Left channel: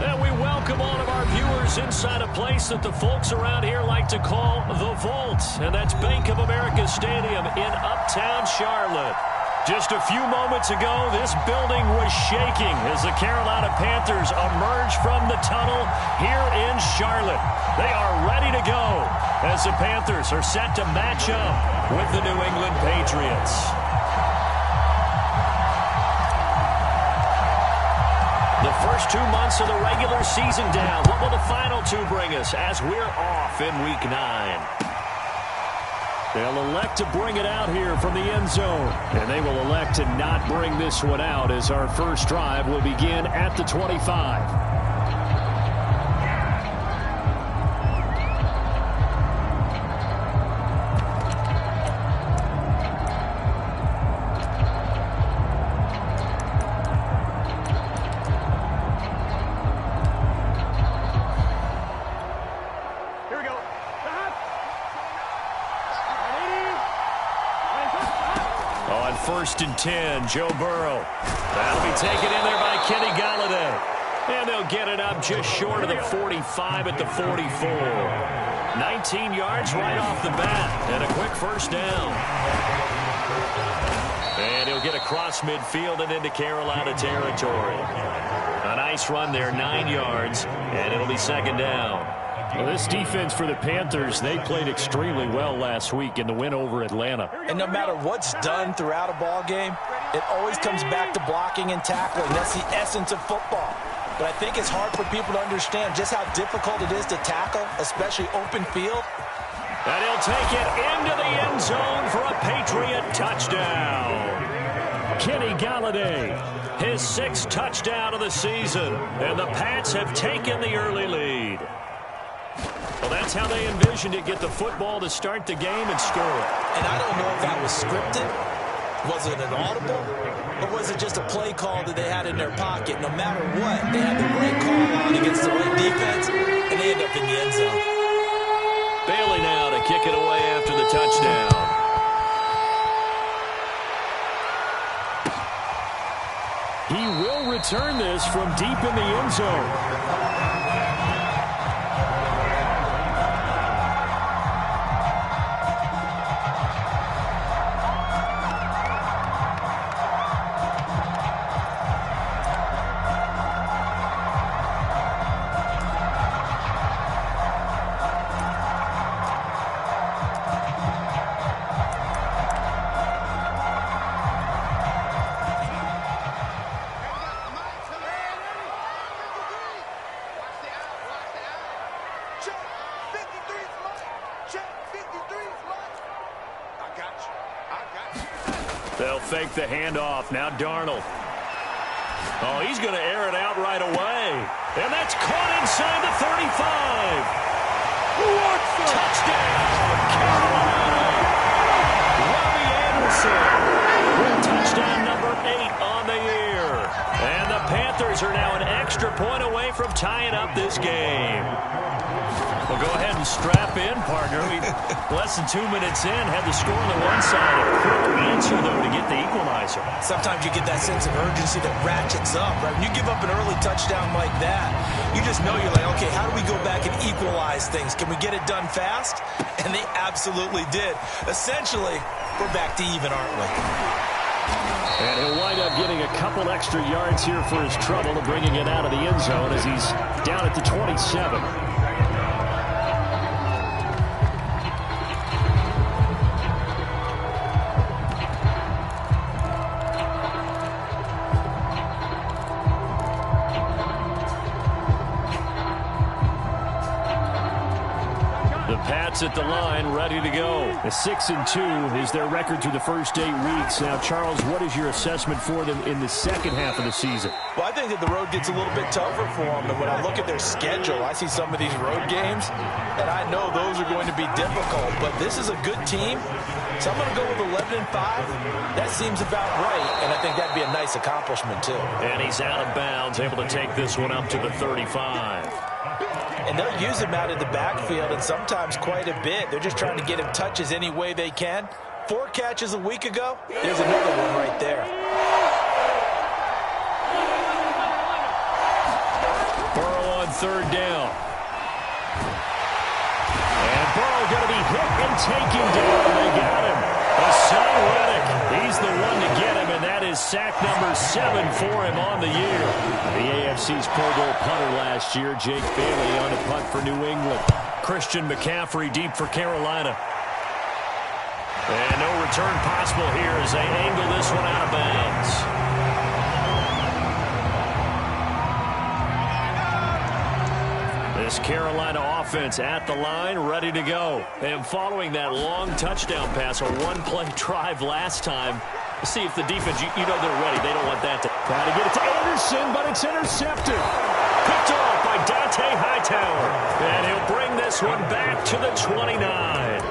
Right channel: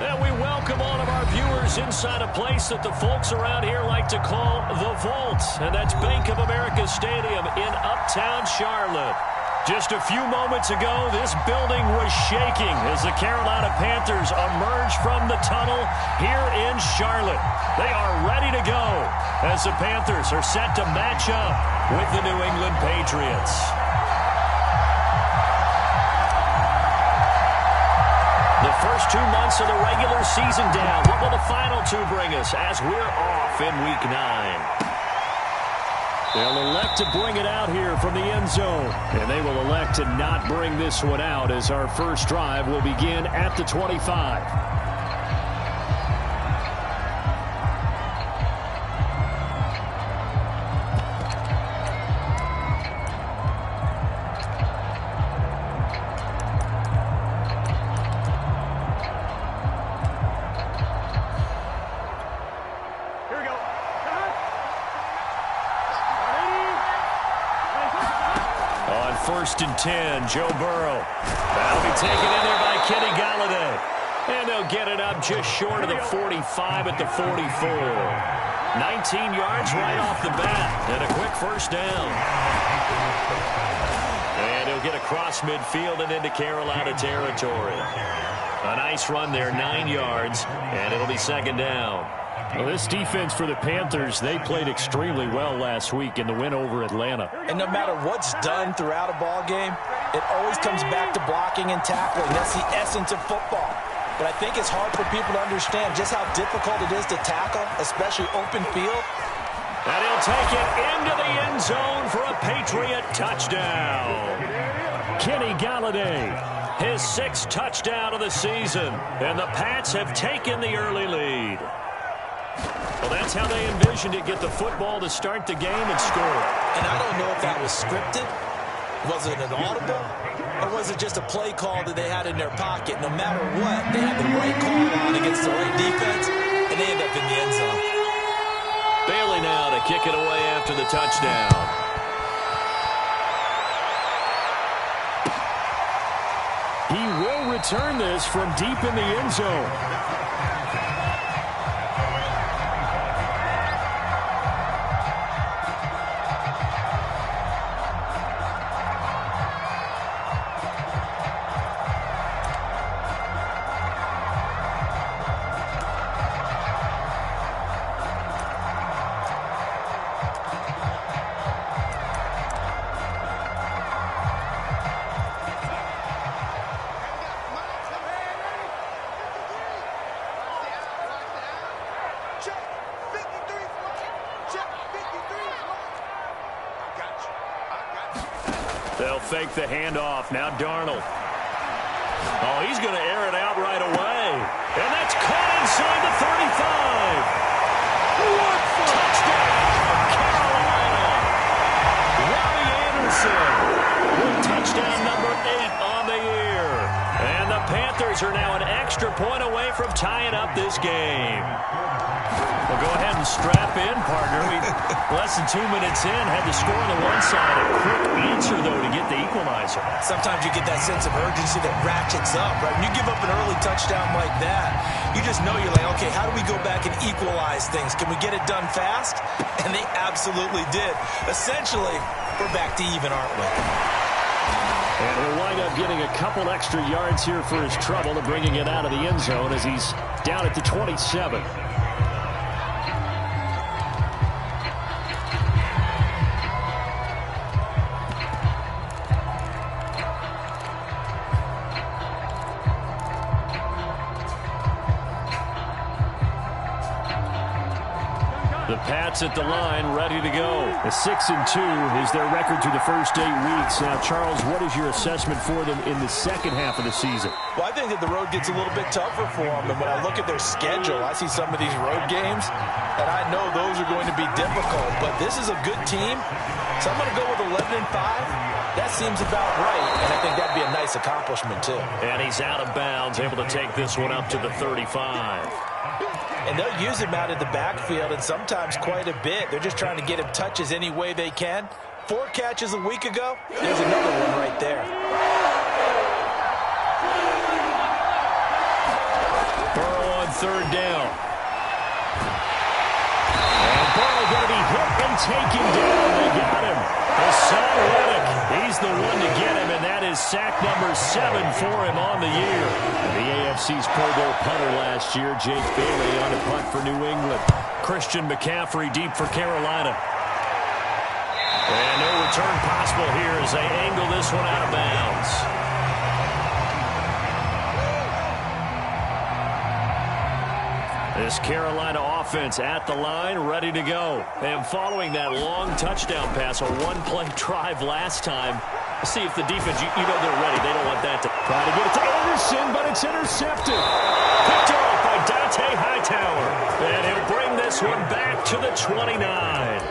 And we welcome all of our viewers inside a place that the folks around here like to call the Vault. And that's Bank of America Stadium in Uptown Charlotte. Just a few moments ago, this building was shaking as the Carolina Panthers emerged from the tunnel here in Charlotte. They are ready to go as the Panthers are set to match up with the New England Patriots. The first 2 months of the regular season down. What will the final 2 bring us as we're off in Week 9? They'll elect to bring it out here from the end zone. And they will elect to not bring this one out as our first drive will begin at the 25. On 1st and 10, Joe Burrow. That'll be taken in there by Kenny Golladay. And they'll get it up just short of the 45 at the 44. 19 yards right off the bat. And a quick first down. And he'll get across midfield and into Carolina territory. A nice run there, 9 yards. And it'll be second down. Well, this defense for the Panthers, they played extremely well last week in the win over Atlanta. And no matter what's done throughout a ball game, it always comes back to blocking and tackling. That's the essence of football. But I think it's hard for people to understand just how difficult it is to tackle, especially open field. And he'll take it into the end zone for a Patriot touchdown. Kenny Golladay, his 6th touchdown of the season. And the Pats have taken the early lead. Well, that's how they envisioned it, get the football to start the game and score it. And I don't know if that was scripted. Was it an audible? Or was it just a play call that they had in their pocket? No matter what, they had the right call on against the right defense, and they end up in the end zone. Bailey now to kick it away after the touchdown. He will return this from deep in the end zone. They'll fake the handoff. Now Darnold. Oh, he's going to air it out right away. And that's caught inside the 35. What touchdown, Carolina. Robbie Anderson with touchdown number 8 on the year. And the Panthers are now an extra point away from tying up this game. Well, go ahead and strap in, partner. We less than 2 minutes in, had the score on the one side. A quick answer, though, to get the equalizer. Sometimes you get that sense of urgency that ratchets up, right? When you give up an early touchdown like that, you just know you're like, okay, how do we go back and equalize things? Can we get it done fast? And they absolutely did. Essentially, we're back to even, aren't we? And he'll wind up getting a couple extra yards here for his trouble and bringing it out of the end zone as he's down at the 27. The Pats at the line, ready to go. A 6-2 is their record through the first 8 weeks. Now, Charles, what is your assessment for them in the second half of the season? Well, I think that the road gets a little bit tougher for them. And when I look at their schedule, I see some of these road games, and I know those are going to be difficult. But this is a good team, so I'm going to go with 11-5. That seems about right, and I think that'd be a nice accomplishment, too. And he's out of bounds, able to take this one up to the 35. And they'll use him out of the backfield, and sometimes quite a bit. They're just trying to get him touches any way they can. 4 catches a week ago. There's another one right there. Burrow third down. And Burrow going to be hit and taken down. They got him. Hassan Reddick, he's the one to get him, and that is sack number 7 for him on the year. The AFC's Pro Bowl punter last year, Jake Bailey, on a punt for New England. Christian McCaffrey deep for Carolina. And no return possible here as they angle this one out of bounds. This Carolina offense at the line, ready to go. And following that long touchdown pass, a one-play drive last time. See if the defense, you know they're ready. They don't want that to try to get it to Anderson, but it's intercepted. Picked off by Dante Hightower. And he'll bring this one back to the 29.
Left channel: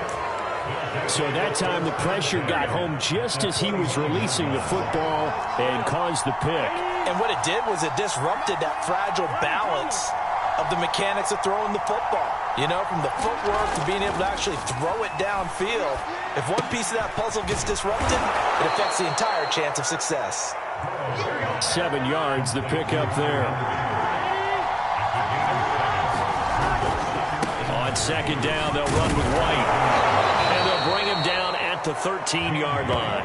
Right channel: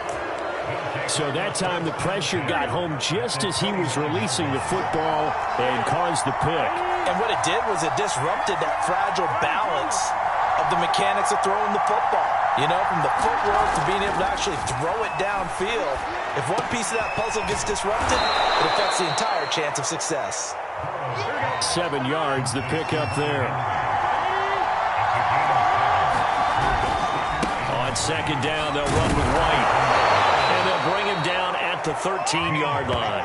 So that time the pressure got home just as he was releasing the football and caused the pick. And what it did was it disrupted that fragile balance of the mechanics of throwing the football. You know, from the footwork to being able to actually throw it downfield. If one piece of that puzzle gets disrupted, it affects the entire chance of success. 7 yards, the pickup there. On second down, they'll run with White. And they'll bring him down at the 13-yard line.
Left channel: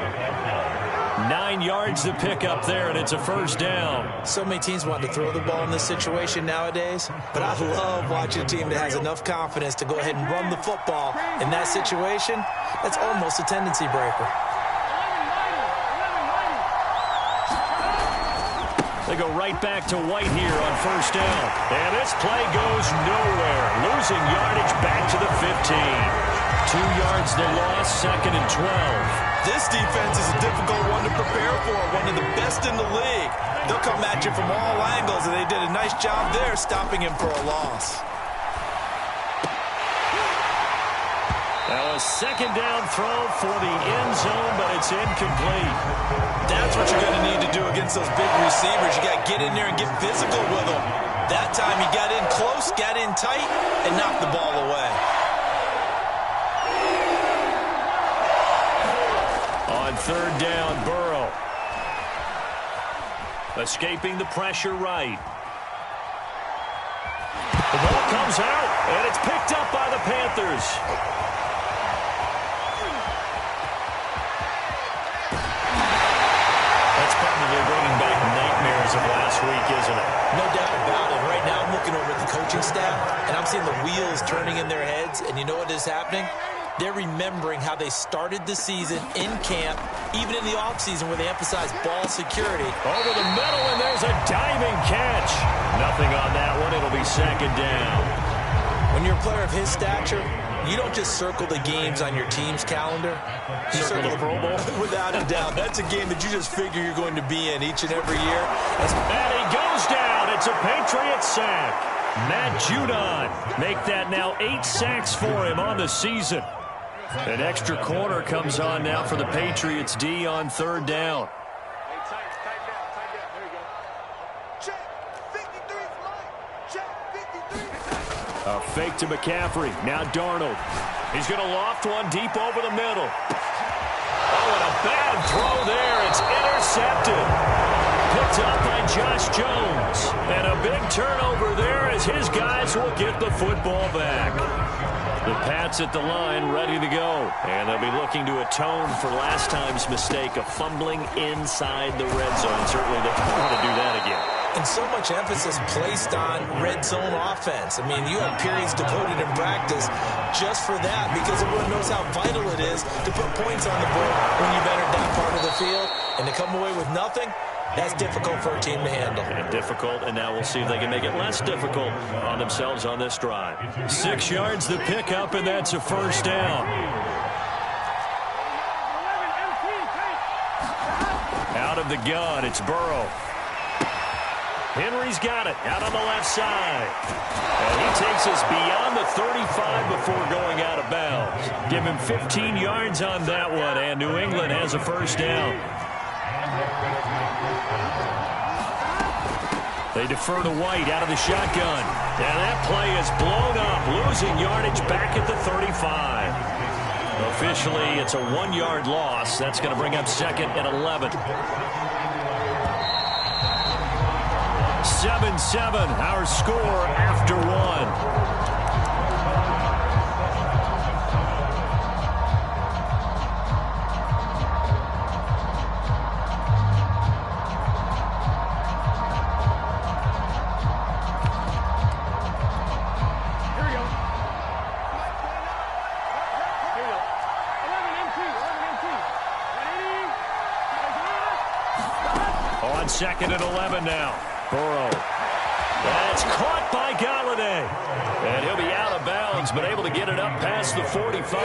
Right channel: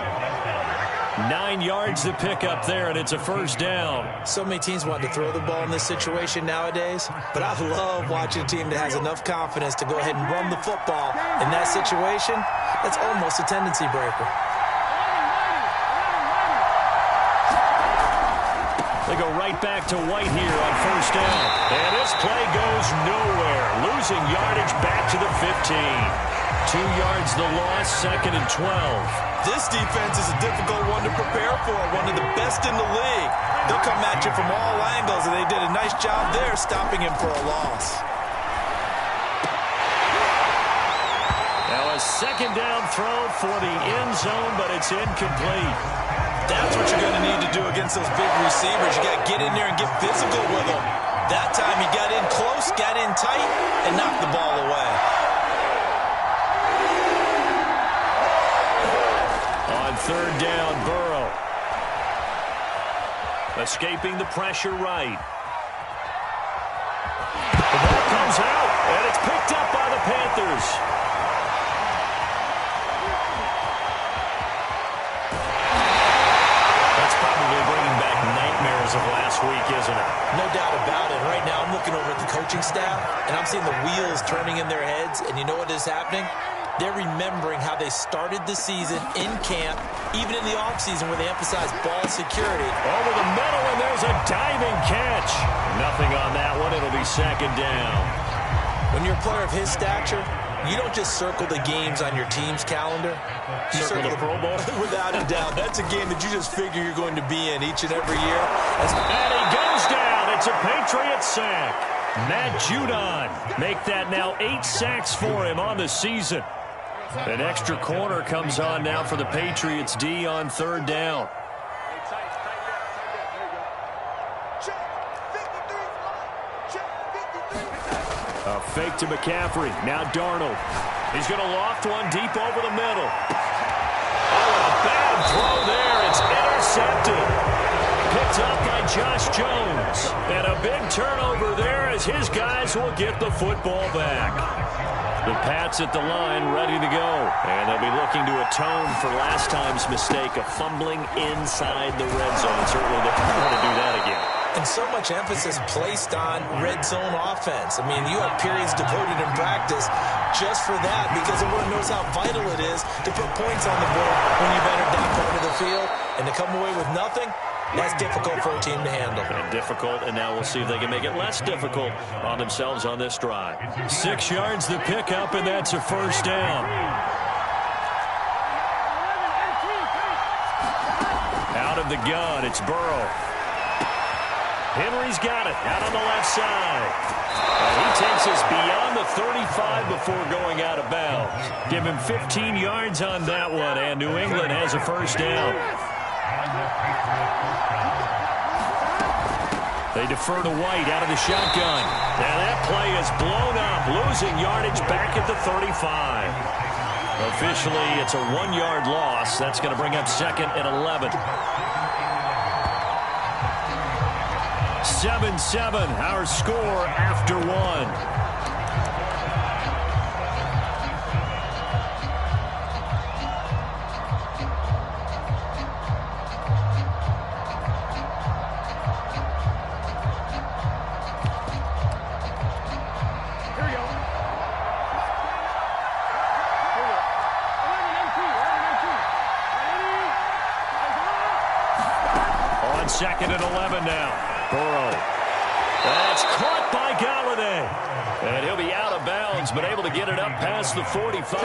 9 yards to pick up there, and it's a first down. So many teams want to throw the ball in this situation nowadays, but I love watching a team that has enough confidence to go ahead and run the football. In that situation, that's almost a tendency breaker. They go right back to White here on first down. And this play goes nowhere. Losing yardage back to the 15. 2 yards the loss, second and 12. This defense is a difficult one to prepare for, one of the best in the league. They'll come at you from all angles, and they did a nice job there stopping him for a loss. Now a second down throw for the end zone, but it's incomplete. That's what you're going to need to do against those big receivers. You got to get in there and get physical with them. That time he got in close, got in tight, and knocked the ball away. On third down, Burrow. Escaping the pressure right. The ball comes out, and it's picked up by the Panthers. That's probably bringing back nightmares of last week, isn't it? No doubt about it. Right now I'm looking over at the coaching staff, and I'm seeing the wheels turning in their heads, and you know what is happening? They're remembering how they started the season in camp, even in the offseason where they emphasized ball security. Over the middle, and there's a diving catch. Nothing on that one. It'll be second down. When you're a player of his stature, you don't just circle the games on your team's calendar. You circle the Pro Bowl? Without a doubt. That's a game that you just figure you're going to be in each and every year. And he goes down. It's a Patriots sack. Matt Judon make that now 8 sacks for him on the season. An extra corner comes on now for the Patriots D on third down. A fake to McCaffrey. Now Darnold. He's going to loft one deep over the middle. Oh, and a bad throw there. It's intercepted. Picked up by Josh Jones. And a big turnover there as his guys will get the football back. The Pats at the line, ready to go. And they'll be looking to atone for last time's mistake of fumbling inside the red zone. Certainly they don't want to do that again. And so much emphasis placed on red zone offense. I mean, you have periods devoted in practice just for that because everyone knows how vital it is to put points on the board when you've entered that part of the field. And to come away with nothing, that's difficult for a team to handle. And difficult, and now we'll see if they can make it less difficult on themselves on this drive. 6 yards the pickup, and that's a first down. Out of the gun, it's Burrow. Henry's got it out on the left side. And he takes us beyond the 35 before going out of bounds. Give him 15 yards on that one, and New England has a first down. They defer to White out of the shotgun. And that play is blown up, losing yardage back at the 35. Officially, it's a 1-yard loss. That's going to bring up second and 11. 7-7, our score after one. On 2nd and 11 now. Burrow. That's caught by Galladay. And he'll be out of bounds, but able to get it up past the 45.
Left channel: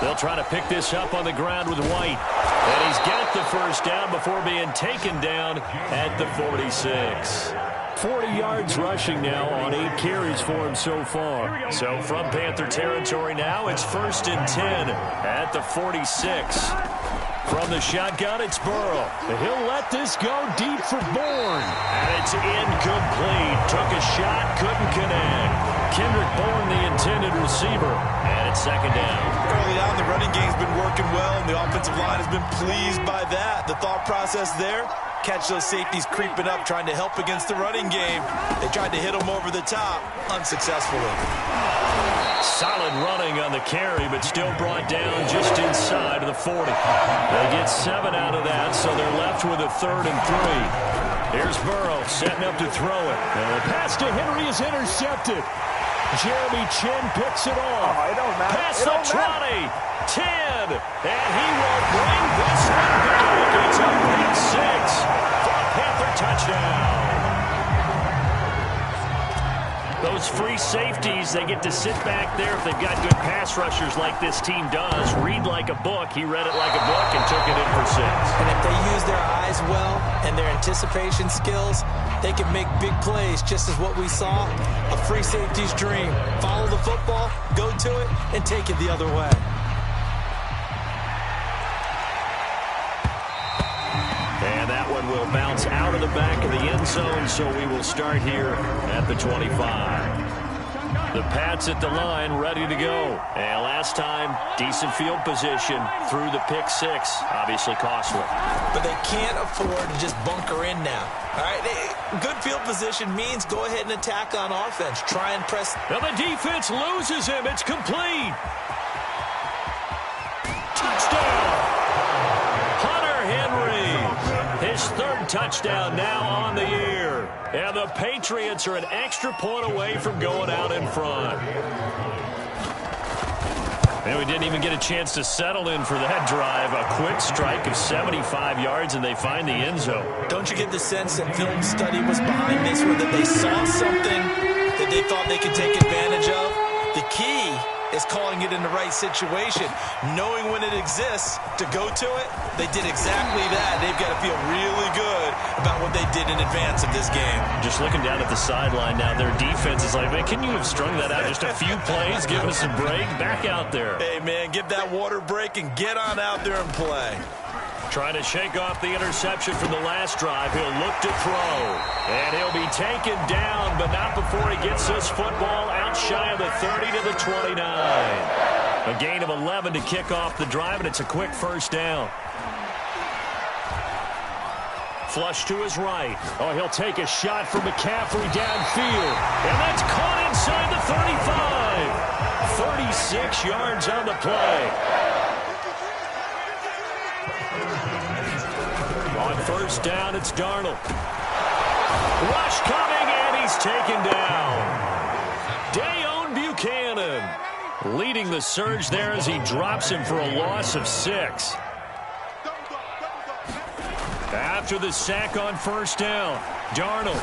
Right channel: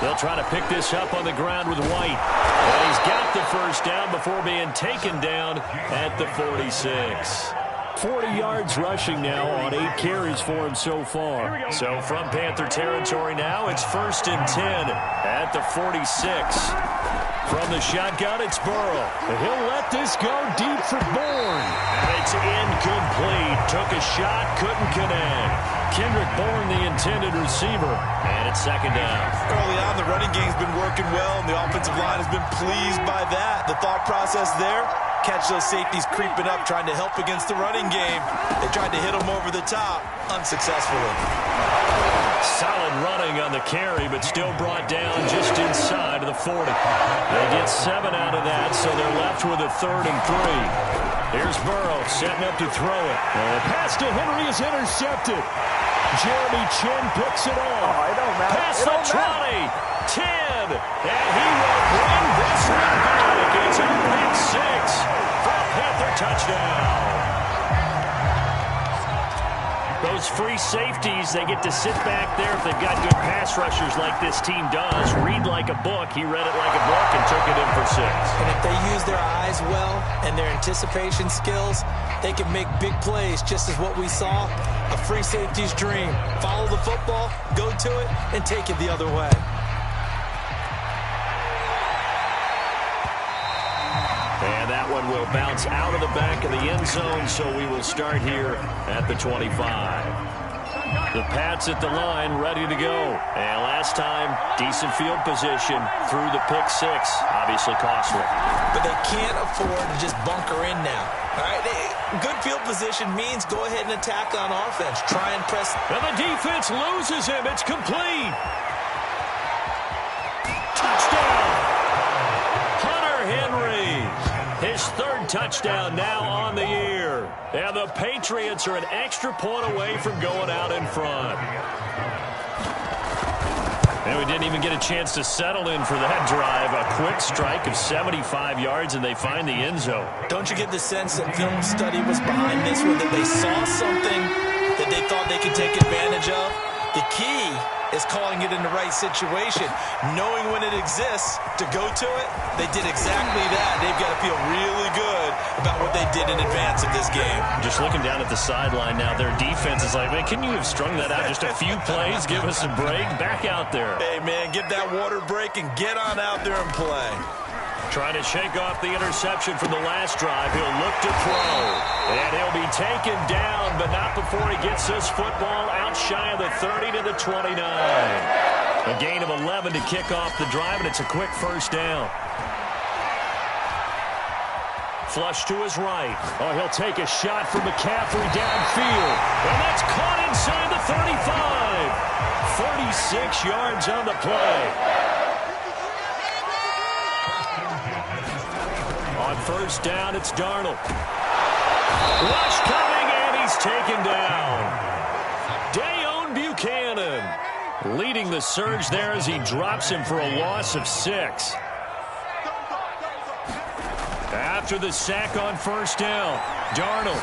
They'll try to pick this up on the ground with White. And he's got the first down before being taken down at the 46. 40 yards rushing now on 8 carries for him so far. So from Panther territory now, it's 1st and 10 at the 46. From the shotgun, it's Burrow. He'll let this go deep for Bourne. And it's incomplete. Took a shot, couldn't connect. Kendrick Bourne, the intended receiver. And it's 2nd down. Early on, the running game's been working well, and the offensive line has been pleased by that. The thought process there, catch those safeties creeping up, trying to help against the running game. They tried to hit them over the top, unsuccessfully. Solid running on the carry, but still brought down just inside of the 40. They get 7 out of that, so they're left with a 3rd and 3. Here's Burrow setting up to throw it. And the pass to Henry is intercepted. Jeremy Chin picks it off. Oh, it don't matter. Pass to 20. 10. And he will bring this one back. It's a pick 6 for a Panther touchdown. Those free safeties, they get to sit back there if they've got good pass rushers like this team does. Read like a book. He read it like a book and took it in for 6. And if they use their eyes well and their anticipation skills, they can make big plays, just as what we saw. A free safety's dream. Follow the football, go to it, and take it the other way. And that one will bounce out of the back of the end zone, so we will start here at the 25. The Pats at the line, ready to go. And last time, decent field position through the pick 6. Obviously costly. But they can't afford to just bunker in now. All right, good field position means go ahead and attack on offense. Try and press. And the defense loses him. It's complete. Touchdown. Hunter Henry. His 3rd touchdown now on the year. And the Patriots are an extra point away from going out in front. And we didn't even get a chance to settle in for that drive. A quick strike of 75 yards, and they find the end zone. Don't you get the sense that film study was behind this one, that they saw something that they thought they could take advantage of? The key is calling it in the right situation, knowing when it exists to go to it. They did exactly that. They've got to feel really good about what they did in advance of this game. Just looking down at the sideline now, their defense is like, man, can you have strung that out just a few plays? Give us a break. Back out there. Hey, man, get that water break and get on out there and play. Trying to shake off the interception from the last drive. He'll look to throw. And he'll be taken down, but not before he gets this football out shy of the 30 to the 29. A gain of 11 to kick off the drive, and it's a quick 1st down. Flush to his right. Oh, he'll take a shot from McCaffrey downfield. And that's caught inside the 35. 36 yards on the play. On 1st down, it's Darnold. Rush coming, and he's taken down. Dayon Buchanan leading the surge there as he drops him for a loss of 6. After the sack on 1st down, Darnold.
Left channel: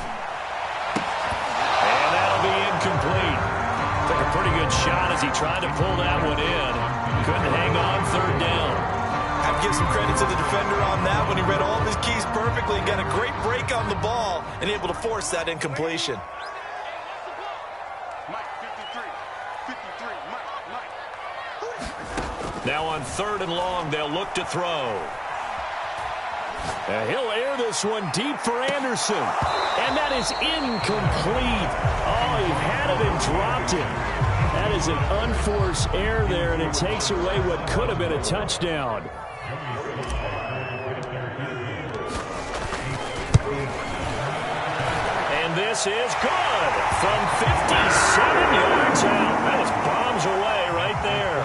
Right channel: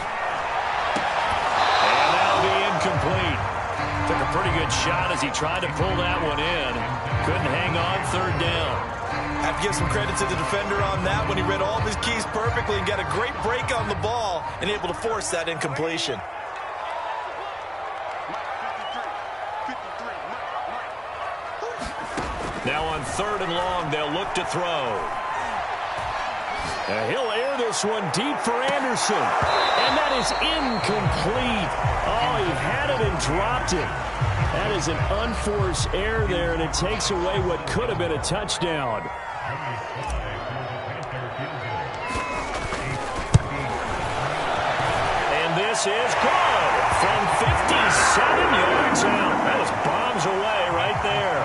And that'll be incomplete. Took a pretty good shot as he tried to pull that one in. Couldn't hang on 3rd down. Have to give some credit to the defender on that when he read all of his keys perfectly and got a great break on the ball and able to force that incompletion. Now on 3rd and long, they'll look to throw. He'll air this one deep for Anderson. And that is incomplete. Oh, he had it and dropped it. That is an unforced error there, and it takes away what could have been a touchdown. And this is good from 57 yards out. That was bombs away right there.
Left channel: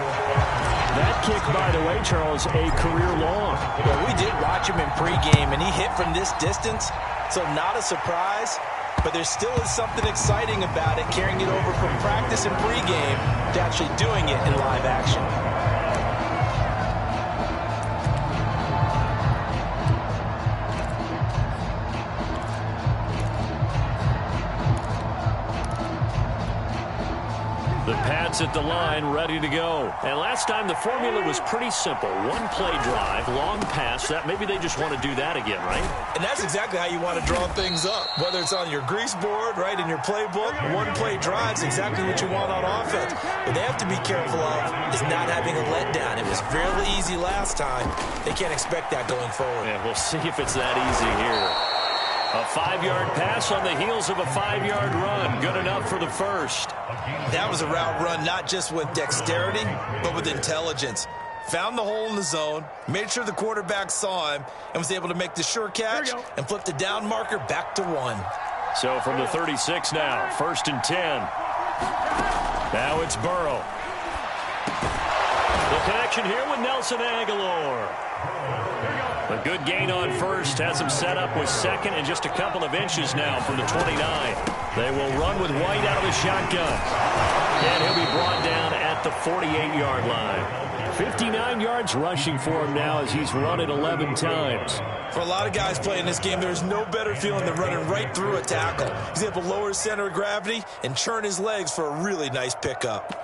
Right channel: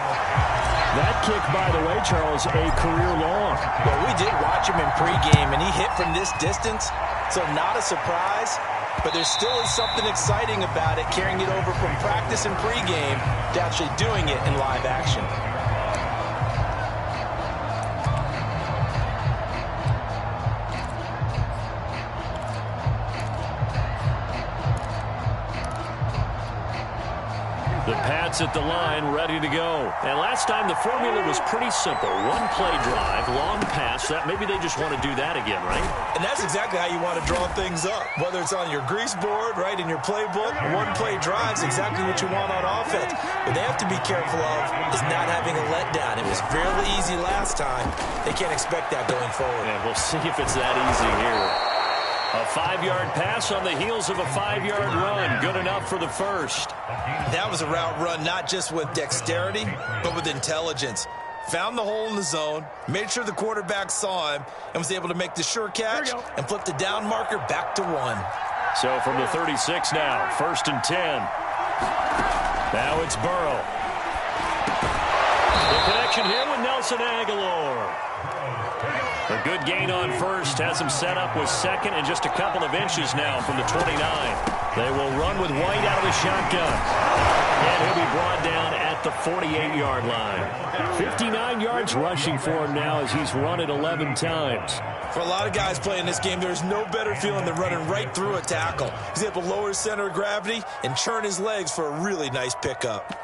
That kick, by the way, Charles, a career long. Well, we did watch him in pregame, and he hit from this distance, so not a surprise. But there still is something exciting about it, carrying it over from practice and pregame to actually doing it in live action. The Pats at the line, ready to go. And last time the formula was pretty simple. One play drive, long pass. That maybe they just want to do that again, right? And that's exactly how you want to draw things up. Whether it's on your grease board, right, in your playbook, one play drive's exactly what you want on offense. What they have to be careful of is not having a letdown. It was fairly easy last time. They can't expect that going forward. And we'll see if it's that easy here. A 5-yard pass on the heels of a 5-yard run. Good enough for the first. That was a route run not just with dexterity, but with intelligence. Found the hole in the zone, made sure the quarterback saw him, and was able to make the sure catch and flip the down marker back to 1. So from the 36 now, 1st and 10. Now it's Burrow. The connection here with Nelson Aguilar. A good gain on first, has him set up with second and just a couple of inches now from the 29. They will run with White out of the shotgun. And he'll be brought down at the 48-yard line. 59 yards rushing for him now as he's run it 11 times. For a lot of guys playing this game, there's no better feeling than running right through a tackle. He's able to lower his center of gravity and churn his legs for a really nice pickup.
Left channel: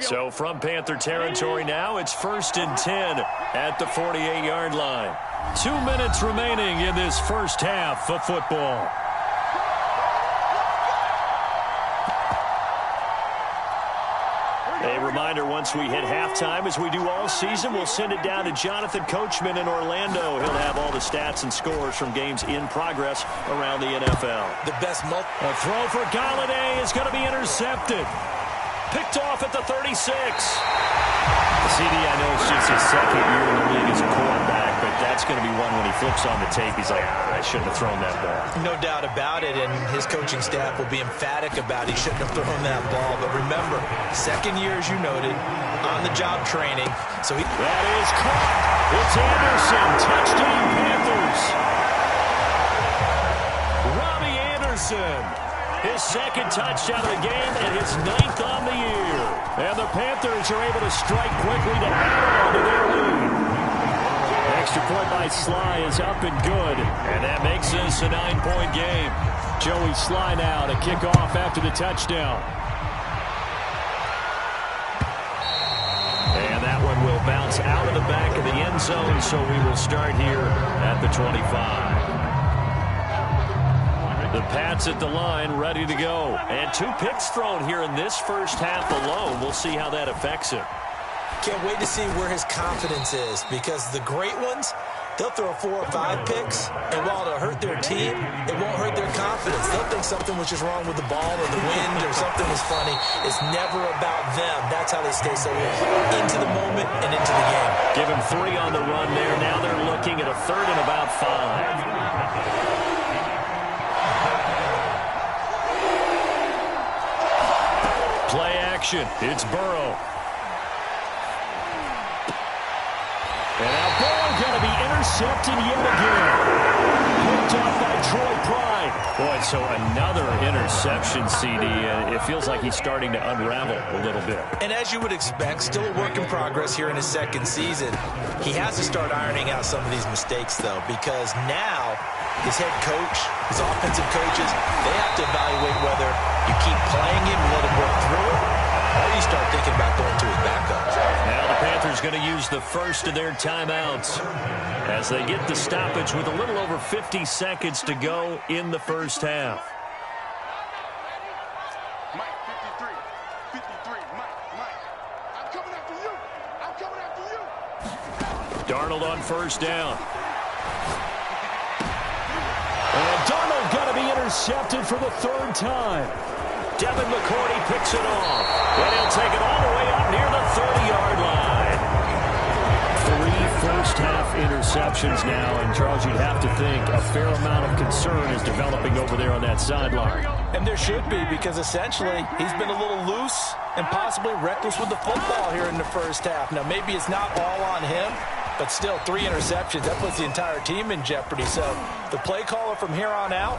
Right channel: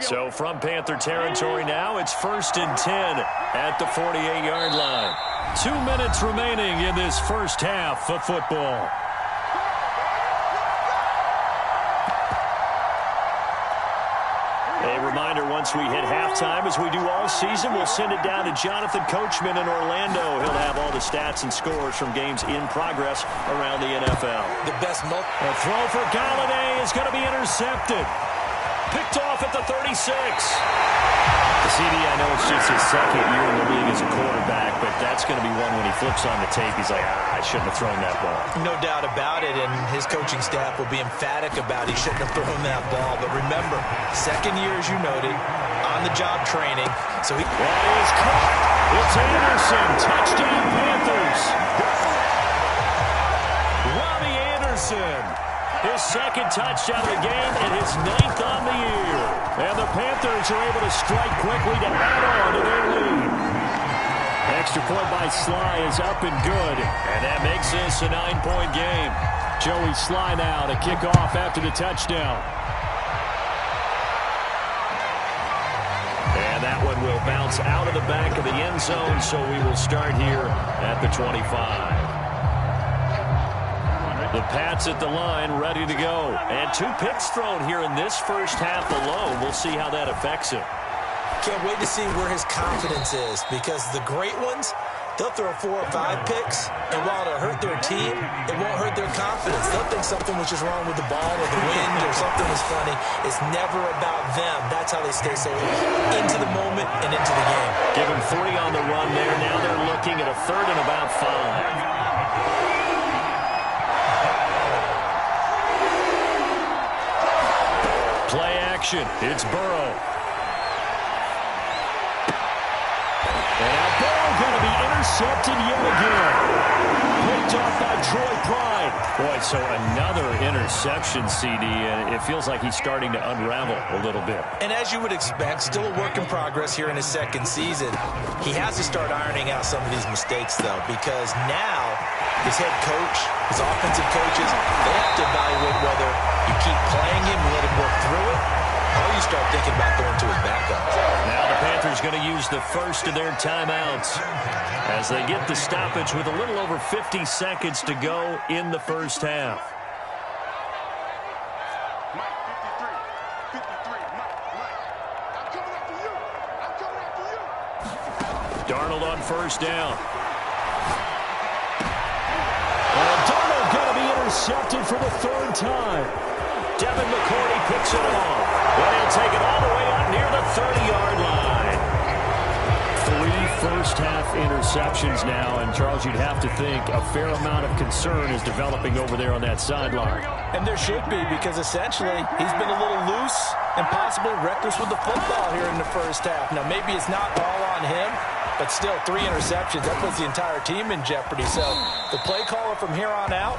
So from Panther territory now, it's 1st and 10 at the 48-yard line. 2 minutes remaining in this first half of football. A reminder, once we hit halftime, as we do all season, we'll send it down to Jonathan Coachman in Orlando. He'll have all the stats and scores from games in progress around the NFL. The best A throw for Galladay is going to be intercepted. Picked off at the 36. The CD, I know it's just his second year in the league as a quarterback, but that's going to be one when he flips on the tape. He's like, I shouldn't have thrown that ball. No doubt about it, and his coaching staff will be emphatic about he shouldn't have thrown that ball. But remember, second year, as you noted, on-the-job training. So that is caught. It's Anderson. Touchdown, Panthers. Robbie Anderson. His second touchdown of the game and his 9th on the year. And the Panthers are able to strike quickly to add on to their lead. Extra point by Sly is up and good. And that makes this a 9-point game. Joey Sly now to kick off after the touchdown. And that one will bounce out of the back of the end zone, so we will start here at the 25. The Pats at the line, ready to go. And 2 picks thrown here in this first half alone. We'll see how that affects him. Can't wait to see where his confidence is, because the great ones, they'll throw 4 or 5 picks, and while it'll hurt their team, it won't hurt their confidence. They'll think something was just wrong with the ball or the wind or something was funny. It's never about them. That's how they stay so into the moment and into the game. Give him 3 on the run there. Now they're looking at a 3rd and about 5. Play action. It's Burrow. And now Burrow going to be intercepted yet again. Picked off by Troy Pride. Boy, so another interception, CD, and it feels like he's starting to unravel a little bit. And as you would expect, still a work in progress here in his second season. He has to start ironing out some of these mistakes, though, because now his head coach, his offensive coaches, they have to evaluate whether you keep playing him, let him work through it, or you start thinking about going to his backup. Now the Panthers going to use the first of their timeouts as they get the stoppage with a little over 50 seconds to go in the first half. Mike, 53, Mike, I'm coming after you. I'm coming after you. Darnold on first down. And Darnold going to be intercepted for the third time. Devin McCourty picks it off. And he'll take it all the way up near the 30-yard line. 3 first-half interceptions now, and Charles, you'd have to think a fair amount of concern is developing over there on that sideline. And there should be, because essentially he's been a little loose and possibly reckless with the football here in the first half. Now, maybe it's not all on him, but still 3 interceptions. That puts the entire team in jeopardy. So the play caller from here on out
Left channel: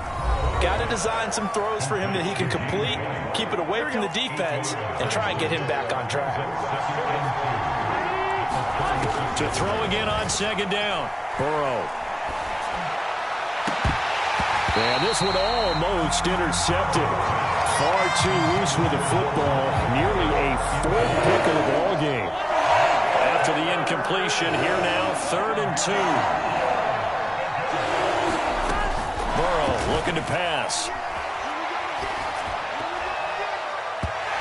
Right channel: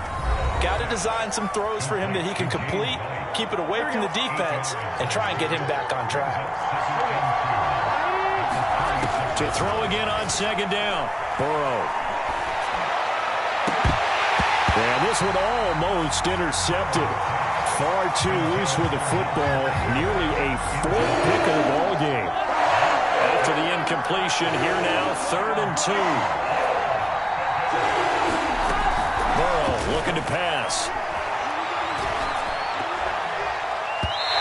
got to design some throws for him that he can complete, keep it away from the defense, and try and get him back on track. To throw again on second down. Burrow. And this one almost intercepted. Far too loose with the football. Nearly a 4th pick of the ball game. After the incompletion, here now, 3rd and 2. Burrow looking to pass.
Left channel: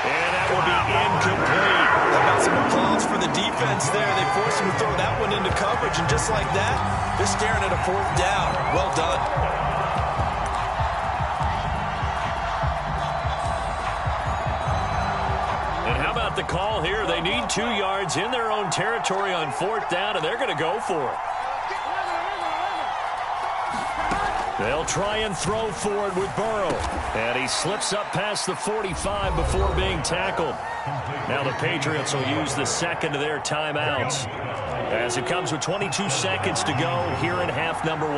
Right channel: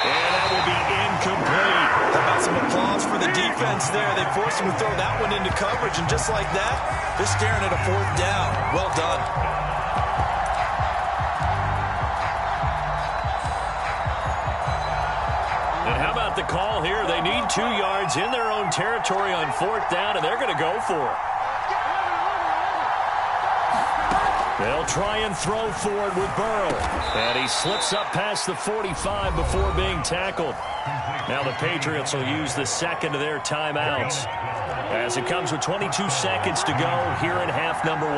And that will be incomplete. How about some applause for the defense there? They forced him to throw that one into coverage, and just like that, they're staring at a 4th down. Well done. And how about the call here? They need 2 yards in their own territory on 4th down, and they're going to go for it. They'll try and throw forward with Burrow. And he slips up past the 45 before being tackled. Now the Patriots will use the second of their timeouts, as it comes with 22 seconds to go here in half number 1.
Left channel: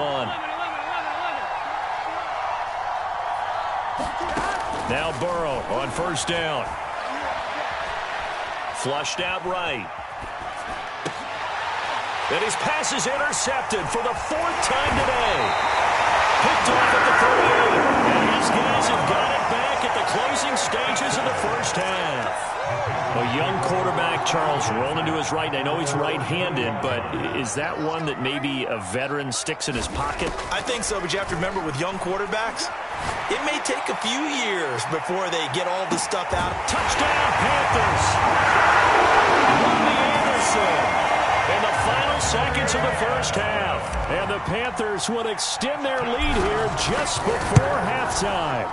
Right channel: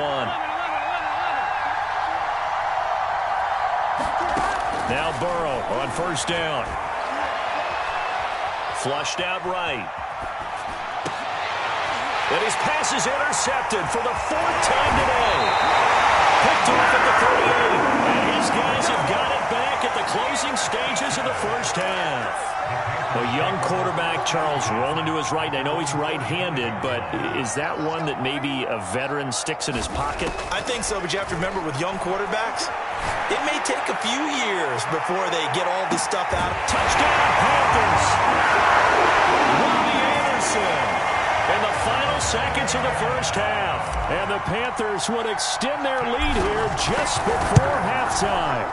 Now Burrow on first down. Flushed out right. And his pass is intercepted for the 4th time today. Picked off at the 38. And his guys have got it back at the closing stages of the first half. A young quarterback, Charles, rolling to his right. I know he's right-handed, but is that one that maybe a veteran sticks in his pocket? I think so, but you have to remember with young quarterbacks, it may take a few years before they get all this stuff out. Touchdown, Panthers! Robbie Anderson! In the final seconds of the first half. And the Panthers would extend their lead here just before halftime.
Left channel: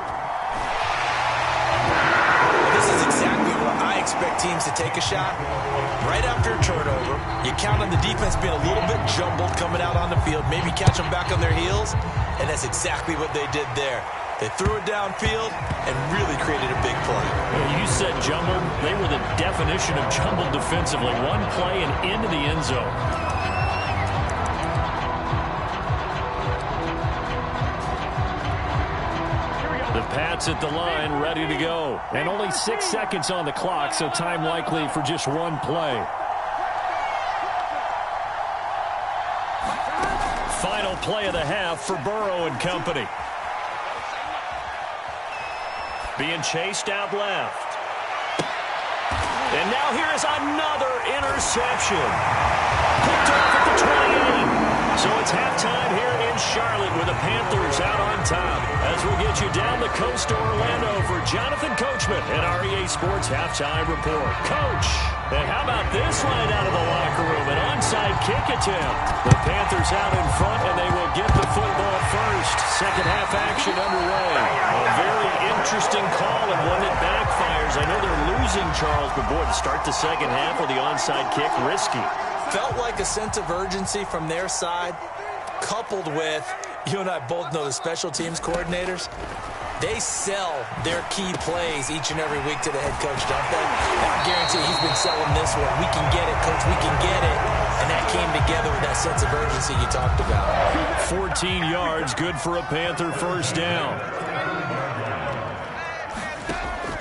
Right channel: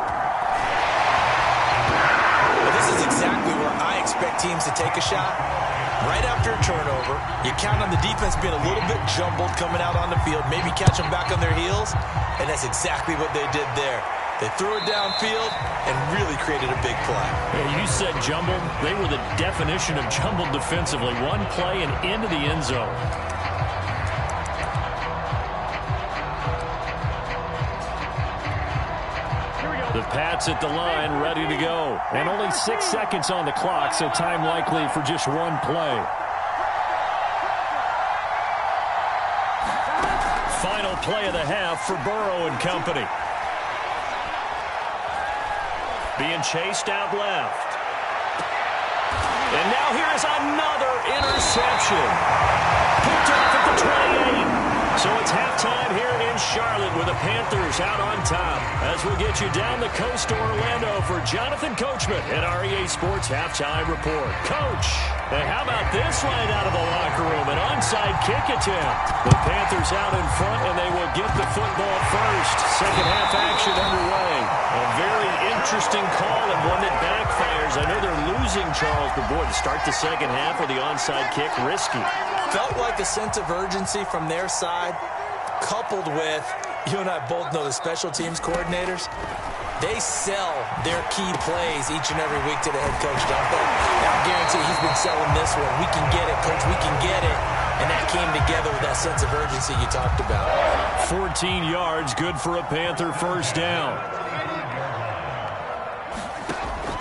Well, this is exactly where I expect teams to take a shot. Right after a turnover, you count on the defense being a little bit jumbled coming out on the field, maybe catch them back on their heels, and that's exactly what they did there. They threw it downfield and really created a big play. Yeah, you said jumbled. They were the definition of jumbled defensively. One play and into the end zone. The Pats at the line, ready to go. And only 6 seconds on the clock, so time likely for just one play. Final play of the half for Burrow and company. Being chased out left. And now here is another interception. Picked off at the 28. So it's halftime here in Charlotte with the Panthers out on top. As we'll get you down the coast to Orlando for Jonathan Coachman at our EA Sports Halftime Report. Coach, and how about this right out of the locker room? An onside kick attempt. The Panthers out in front, and they will get the football first. Second half action underway. A very interesting call and one that backfires. I know they're losing, Charles, but boy, to start the second half with the onside kick, risky. Felt like a sense of urgency from their side, coupled with, you and I both know the special teams coordinators, they sell their key plays each and every week to the head coach, don't they? And I guarantee he's been selling this one. We can get it, coach, we can get it. And that came together with that sense of urgency you talked about. 14 yards, good for a Panther first down.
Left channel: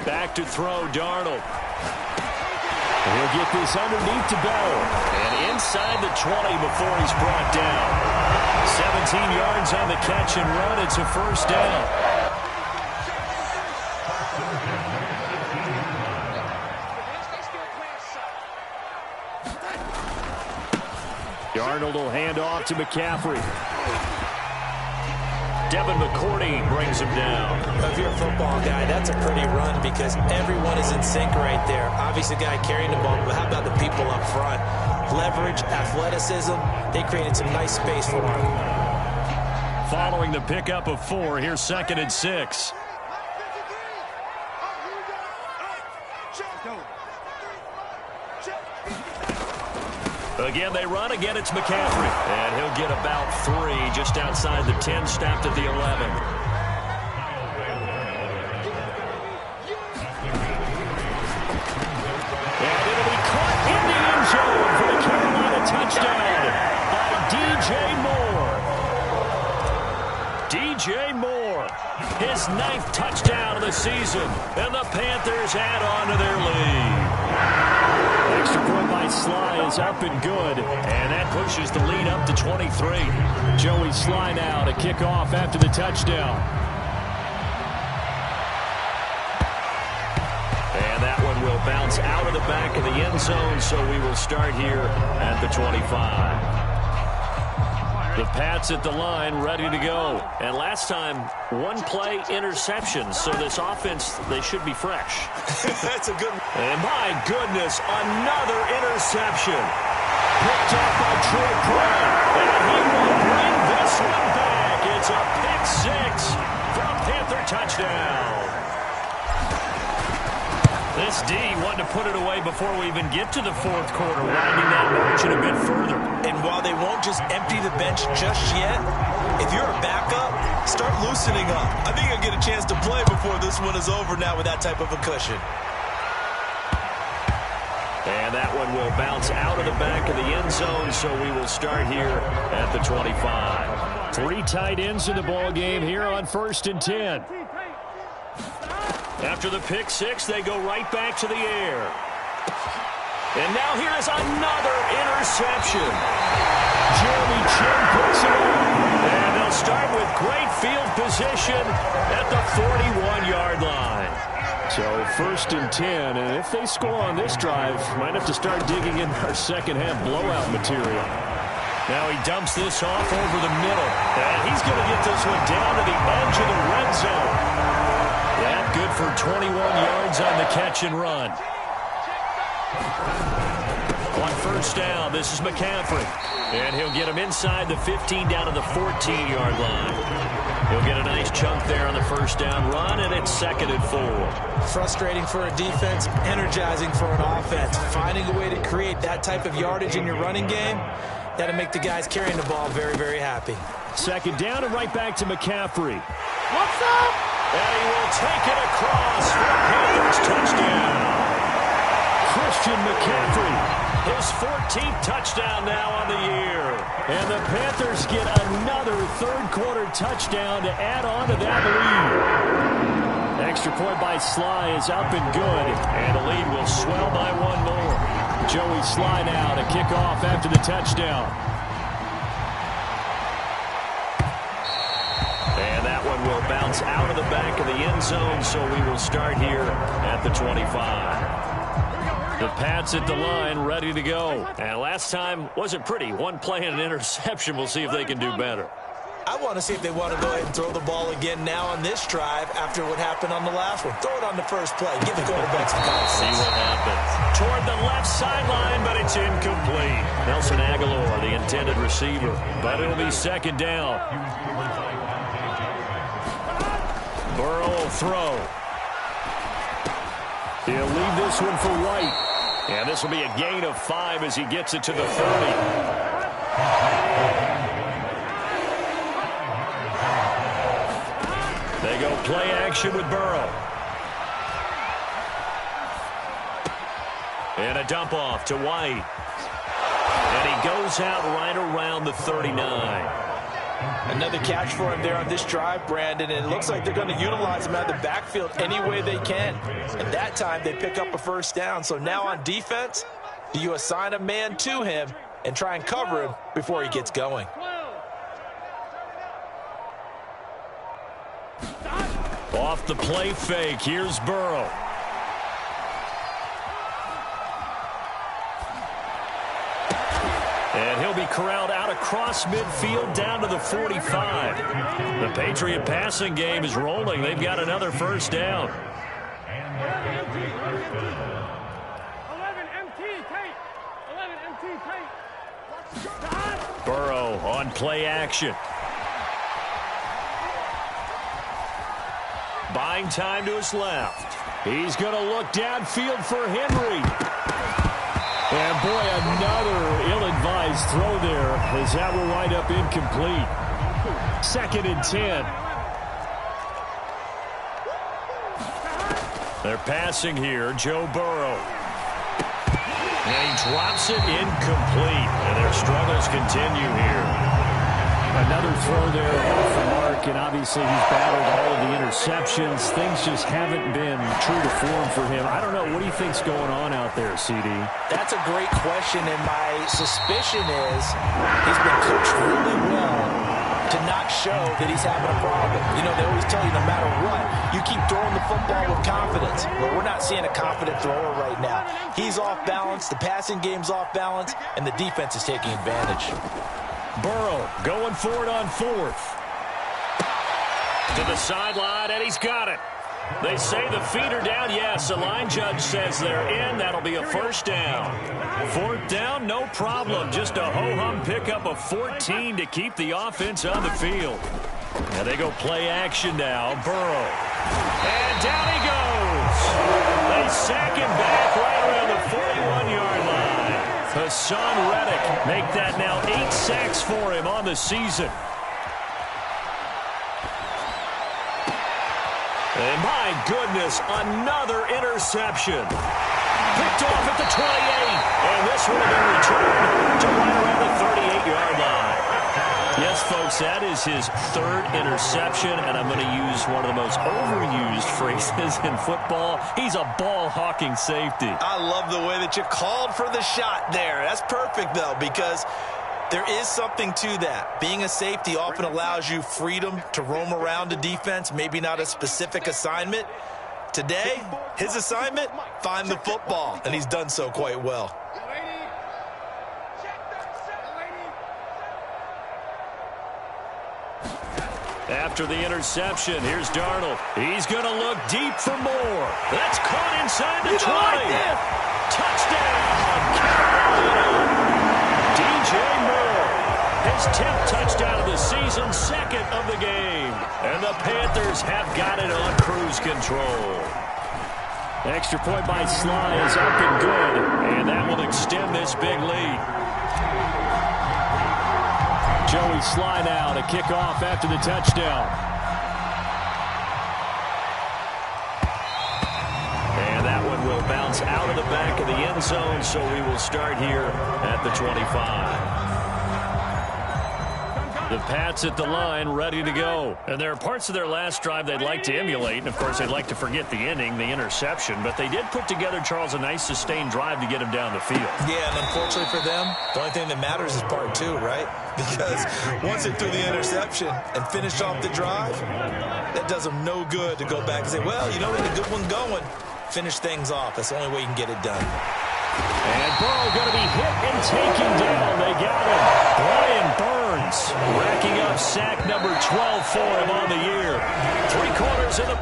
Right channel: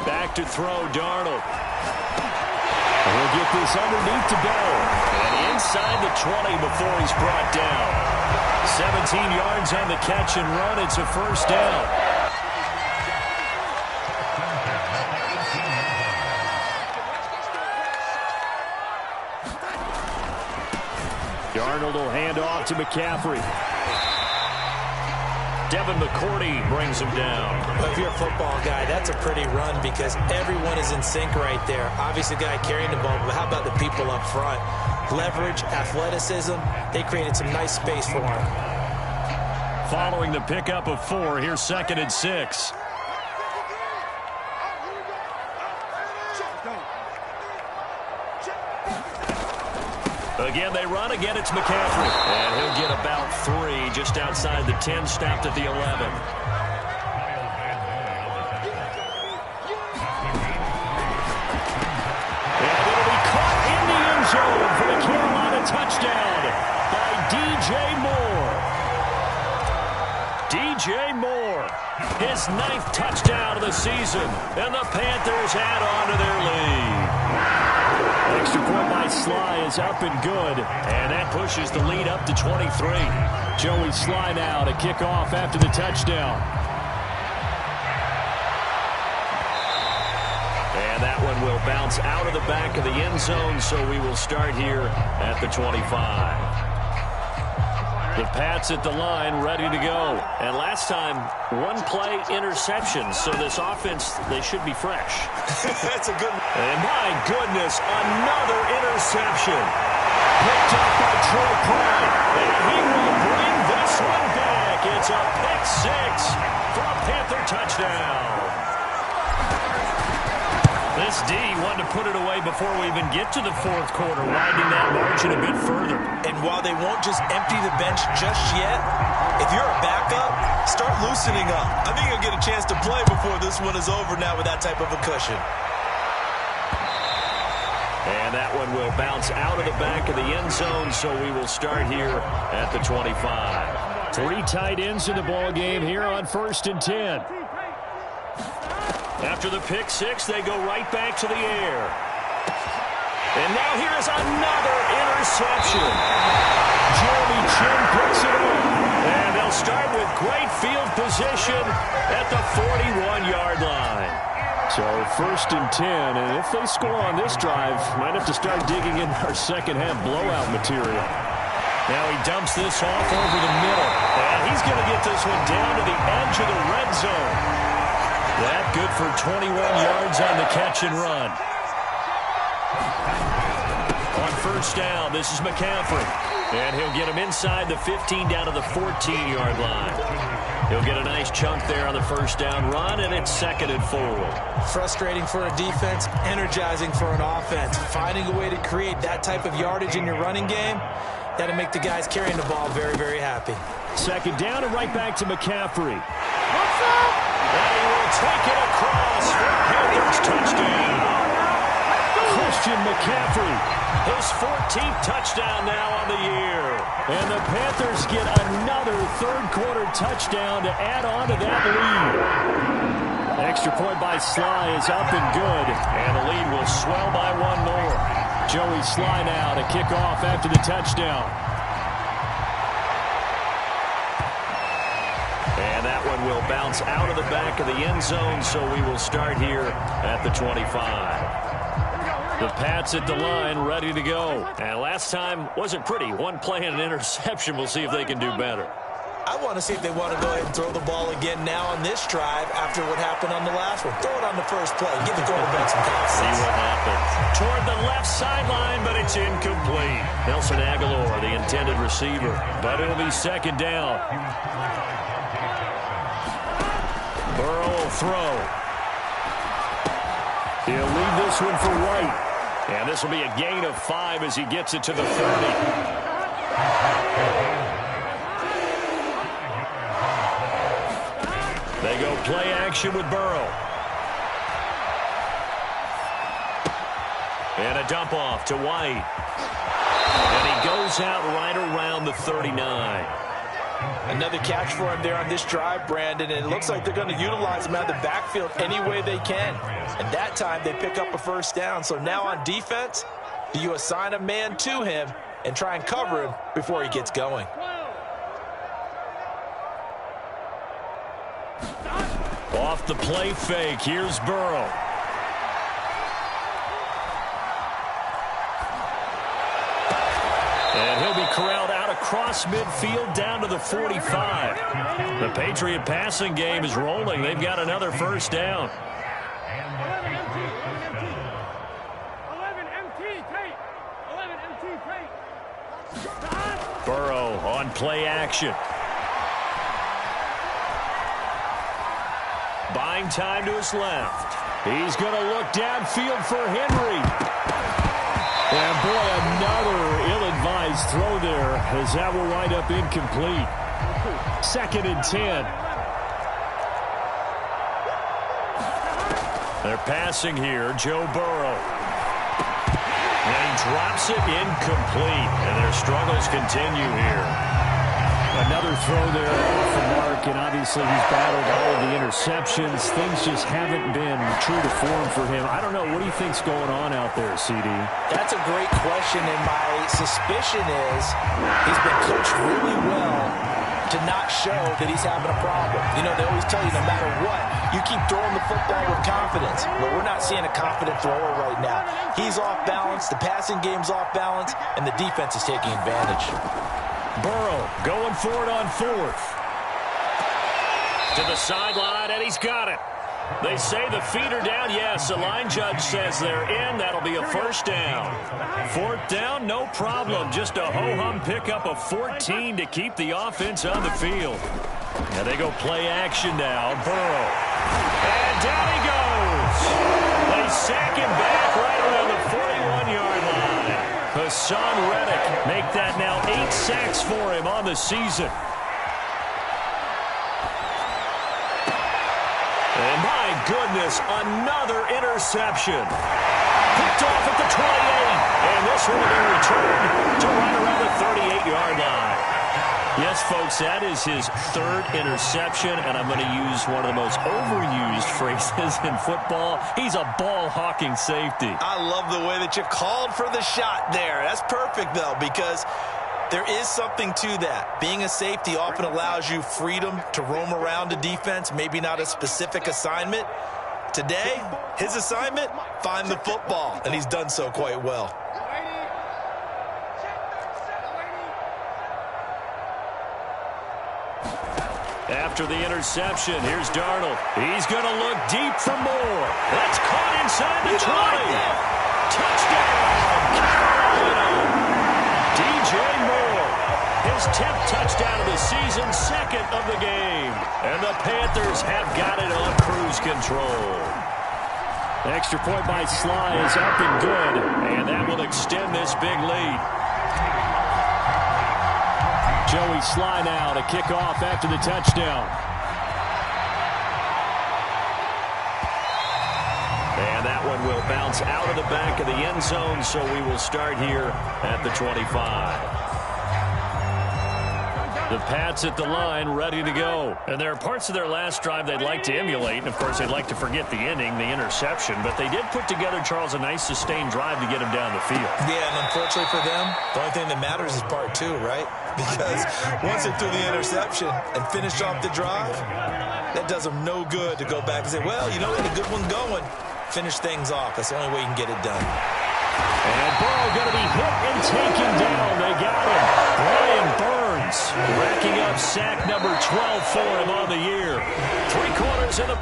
Back to throw, Darnold. He'll get this underneath to Bell. And inside the 20 before he's brought down. 17 yards on the catch and run. It's a first down. Darnold will hand off to McCaffrey. Devin McCourty brings him down. Well, if you're a football guy, that's a pretty run because everyone is in sync right there. Obviously, the guy carrying the ball, but how about the people up front? Leverage, athleticism, they created some nice space for him. Following the pickup of 4, here's 2nd and 6. Again, they run. Again, it's McCaffrey. And he'll get about 3 just outside the 10, snapped at the 11. And it'll be caught in the end zone for the Carolina touchdown by DJ Moore. DJ Moore, his 9th touchdown of the season, and the Panthers add on to their lead. Extra point by Sly is up and good, and that pushes the lead up to 23. Joey Sly now to kick off after the touchdown. And that one will bounce out of the back of the end zone, so we will start here at the 25. The Pats at the line, ready to go. And last time, 1-play interception. So this offense, they should be fresh. That's a good one. And my goodness, another interception. Picked up by Troy Pride. And he will bring this one back. It's a pick 6 for a Panther touchdown. This D wanted to put it away before we even get to the 4th quarter, widening that margin a bit further. And while they won't just empty the bench just yet, if you're a backup, start loosening up. I think you'll get a chance to play before this one is over now with that type of a cushion. And that one will bounce out of the back of the end zone, so we will start here at the 25. 3 tight ends in the ball game here on 1st and 10. After the pick 6, they go right back to the air. And now here is another interception. Jeremy Chin picks it up. And they'll start with great field position at the 41-yard line. So 1st and 10, and if they score on this drive, might have to start digging in our second-half blowout material. Now he dumps this off over the middle. And he's going to get this one down to the edge of the red zone. That good for 21 yards on the catch and run. On 1st down, this is McCaffrey. And he'll get him inside the 15 down to the 14-yard line. He'll get a nice chunk there on the 1st down run, and it's 2nd and 4. Frustrating for a defense, energizing for an offense. Finding a way to create that type of yardage in your running game, that'll make the guys carrying the ball very, very happy. 2nd down and right back to McCaffrey. What's up? And he will take it across for a Panthers touchdown. Christian McCaffrey, his 14th touchdown now on the year. And the Panthers get another 3rd quarter touchdown to add on to that lead. Extra point by Sly is up and good, and the lead will swell by 1 more. Joey Sly now to kick off after the touchdown. And that one will bounce out of the back of the end zone, so we will start here at the 25. The Pats at the line, ready to go. And last time wasn't pretty. 1 play and an interception. We'll see if they can do better. I want to see if they want to go ahead and throw the ball again now on this drive after what happened on the last one. Throw it on the first play. Give the quarterback some confidence. See what happens. Toward the left sideline, but it's incomplete. Nelson Aguilar, the intended receiver. But it'll be 2nd down. Burrow will throw. He'll leave this one for White. And this will be a gain of 5 as he gets it to the 30. They go play action with Burrow. And a dump off to White. And he goes out right around the 39. Another catch for him there on this drive, Brandon, and it looks like they're going to utilize him out of the backfield any way they can. And that time they pick up a 1st down. So now on defense, do you assign a man to him and try and cover him before he gets going? Off the play fake, here's Burrow. And he'll be corralled out across midfield down to the 45. The Patriot passing game is rolling. They've got another first down. 11 MT. 11 MT. Tape. 11 MT. Tape. Burrow on play action. Buying time to his left. He's going to look downfield for Henry. And boy, another ill-advised throw there, as that will wind up incomplete. 2nd and 10. They're passing here, Joe Burrow. And he drops it incomplete, and their struggles continue here. Another throw there off the mark, and obviously he's battled all of the interceptions. Things just haven't been true to form for him. I don't know. What do you think's going on out there, CD? That's a great question, and my suspicion is he's been coached really well to not show that he's having a problem. You know, they always tell you no matter what, you keep throwing the football with confidence. But we're not seeing a confident thrower right now. He's off balance, the passing game's off balance, and the defense is taking advantage. Burrow going for it on 4th. To the sideline, and he's got it. They say the feet are down. Yes, the line judge says they're in. That'll be a first down. 4th down, no problem. Just a ho-hum pickup of 14 to keep the offense on the field. And they go play action now. Burrow. And down he goes. They sack him back right around the 41-yard line. Hassan Reddick make that now 8 sacks for him on the season. And my goodness, another interception. Picked off at the 28. And this will be returned to right around the 38-yard line. Yes, folks, that is his 3rd interception, and I'm going to use one of the most overused phrases in football. He's a ball-hawking safety. I love the way that you called for the shot there. That's perfect, though, because there is something to that. Being a safety often allows you freedom to roam around the defense, maybe not a specific assignment. Today, his assignment, find the football, and he's done so quite well. After the interception, here's Darnold. He's going to look deep for more. That's caught inside the 20. Touchdown, Carolina. DJ Moore, his 10th touchdown of the season, 2nd of the game. And the Panthers have got it on cruise control. Extra point by Sly is up and good, and that will extend this big lead. Joey Sly now to kick off after the touchdown. And that one will bounce out of the back of the end zone, so we will start here at the 25. The Pats at the line, ready to go. And there are parts of their last drive they'd like to emulate. And, of course, they'd like to forget the ending, the interception. But they did put together, Charles, a nice sustained drive to get him down the field. Yeah, and unfortunately for them, the only thing that matters is part 2, right? Because once they threw the interception and finished off the drive, that does them no good to go back and say, well, you know, we had a good one going. Finish things off. That's the only way you can get it done. And Burrow going to be hit and taken down. They got him. Brian Burns racking up sack number 12 for him on the year. 3 quarters in the...